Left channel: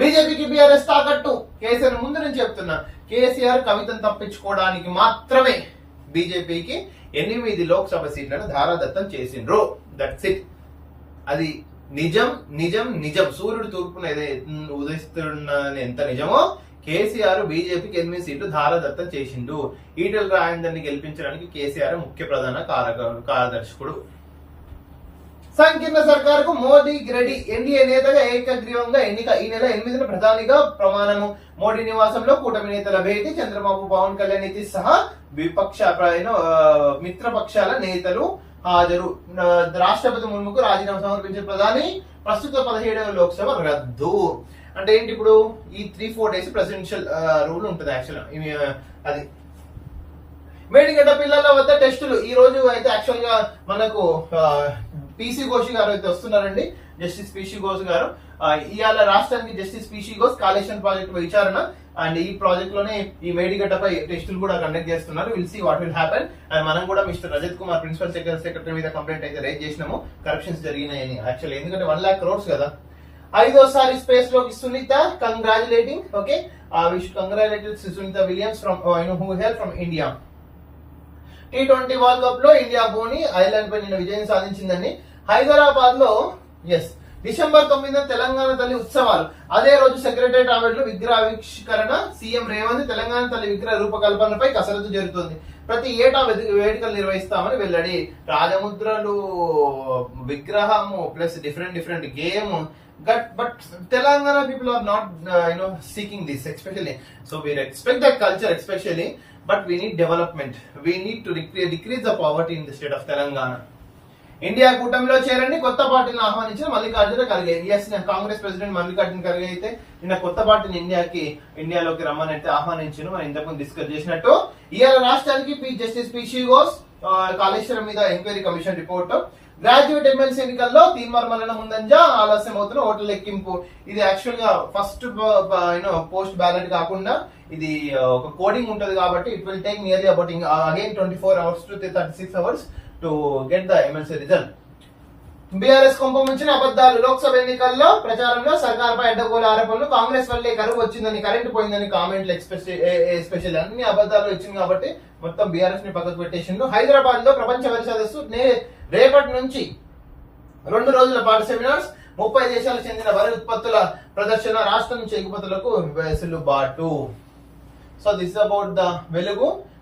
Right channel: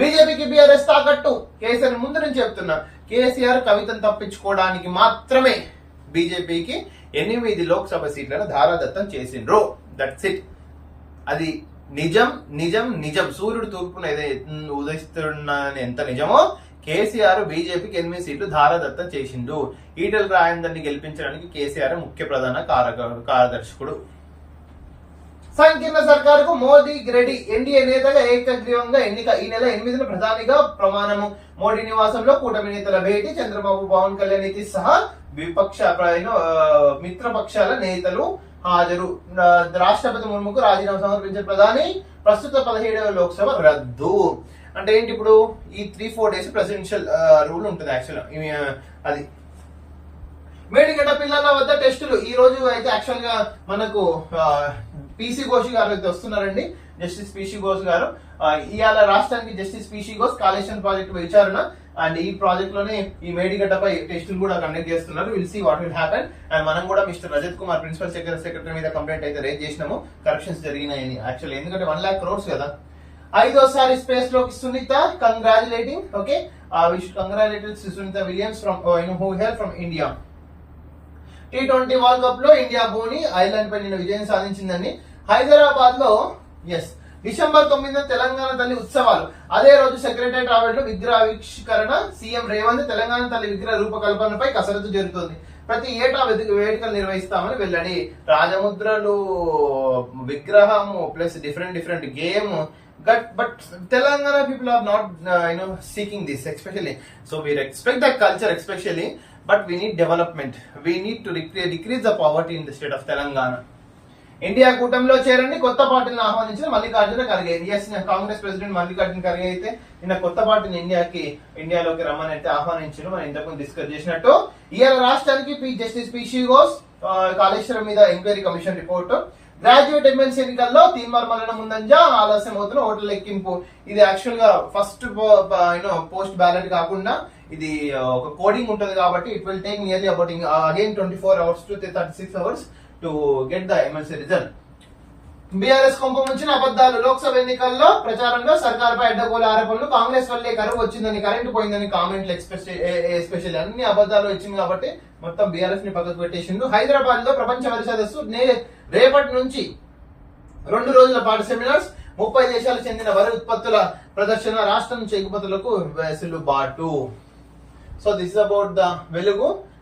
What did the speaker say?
బీజేపీకి బీఆర్ఎస్ తాకట్టు. కేసీఆర్ ముందు నుంచి చెప్తున్నా, కేసీఆర్ కవితను తప్పించుకోవడానికి మాత్రమే బీజేపీకి 8 లోక్సభ సీట్లను ధారాదత్తం చేసిండ్రు. That's it. అది నిజం నిజం నిజం. సూర్యుడు తూర్పున ఉదయిస్తున్న ఎంత నిజమో కేసీఆర్ బీజేపీకి 8 సీట్లు ధారాదత్తం చేసిండు. ఈటెల రాజేందర్ని గెలిపించడానికి కేసీఆర్ ముఖ్య ప్రధాన కార్యదర్శకుడు. సంకీర్ణ సర్కారుకు మోదీ రెడ్డి. ఎన్డీఏ నేతగా ఏకగ్రీవంగా ఎన్నిక. ఈ నెల 8న ప్రధానిగా ప్రమాణము. మోడీ నివాసంలో కూటమి నేతల భేటీ. చంద్రబాబు, పవన్ కళ్యాణ్ సహా విపక్ష మిత్రపక్షాల నేతలు హాజరు. రాష్ట్రపతి ముర్ముకు రాజీనామా సమర్పించిన ప్రధాని. ప్రస్తుత 17వ లోక్సభ రద్దు. అంటే ఏంటి, ఇప్పుడు ఈ 3-4 డేస్ ప్రెసిడెన్షియల్ రూల్ ఉంటుంది యాక్చువల్. అది మేడిగడ్డ పిల్లల వద్ద టెస్టులు. ఈ రోజు అయితే యాక్చువల్ గా మనకు పీసీ ఘోష్ గారు అయితే వస్తున్నారండి. జస్టిస్ పీసీ ఘోష్ గారు ఇవాళ రాష్ట్రానికి justice PC Ghosh Kaleshwaram project విచారణ అండ్ ఈ ప్రాజెక్ట్ లోనే ఈ మేడిగడ్డపై టెస్టులు కూడా కండక్ట్ చేస్తున్నారు. Will see what will happen. And మనం కూడా mister Rajat Kumar principal secretary మీద కంప్లైంట్ అయితే రేజ్ చేసినాము. కరప్షన్స్ జరిగినాయని. యాక్చువల్ ఎందుకంటే 1 lakh crores కదా. 5వసారి స్పేస్ లోకి Sunita. Congratulating. Okay, wish congratulated Sunita Williams from who hail from India. T20 world cup లో ఇండియా బోని ఐర్లాండ్ పై నిన్న విజయం సాధించిందని. హైదరాబాద్ లో డిసెంబర్ 9న తెలంగాణ తల్లి ఉత్సవాలు. అదే రోజు సెక్రటరియట్ ఆవరణలో విగ్రహావిష్కరణ. సీఎం రేవంత్ తెలంగాణ తల్లి విగ్రహ రూపకల్పనపై కసరత్తు జరుగుతుంది. ప్రతి ఏటా వేడుకలు నిర్వహిస్తామని వెల్లడి. రాజముద్రలు, విగ్రహము plus different game. But Telangana people are not, seeking this, especially. So we respect that culture, especially, but we need development. We need to decrease the poverty in the state of Telangana. India కూటమిలో చేరండి. కొత్త పార్టీని ఆహ్వానించిన Mallikarjuna Kharge. Congress president Mallikarjuna Kharge అయితే నిన్న కొత్త పార్టీని ఇండియాలోకి రమ్మని అయితే ఆహ్వానించిన. మనం ఇంతకుముందు డిస్కస్ చేసినట్టు. ఇవాళ రాష్ట్రానికి జస్టిస్ పీసీ ఘోష్ కాళేశ్వరం మీద enquiry commission report. Graduate MLC ఎన్నికల్లో తీర్మానం ముందంజ ఆలస్యం అవుతున్న ఓట్ల లెక్కింపు. ఇది యాక్చువల్ గా ఫస్ట్ పోస్ట్ బ్యాలెట్ కాకుండా ఇది ఒక కోడింగ్ ఉంటది కాబట్టి it will take nearly about again 24 hours to 36 hours to get the MLC result. BRS కుంభముంచిన అబద్దాలు. లోక్సభ ఎన్నికల్లో ప్రచారంలో సర్కార్పై అడ్డగోలు ఆరోపణలు. కాంగ్రెస్ వల్లే కరువు వచ్చిందని, కరెంటు పోయిందని కామెంట్లు. ఎస్పెషల్లీ అన్ని అబద్దాలు వచ్చింది కాబట్టి మొత్తం బీఆర్ఎస్ ని పక్కకు పెట్టేసిండు. హైదరాబాద్ లో ప్రపంచ వరి సదస్సు రేపటి నుంచి 2 రోజుల పాటు సెమినార్స్. 30 దేశాలకు చెందిన వరి ఉత్పత్తుల ప్రదర్శన. రాష్ట్రం నుంచి ఎగుమతులకు వెసులుబాటు. So this is about the వెలుగు.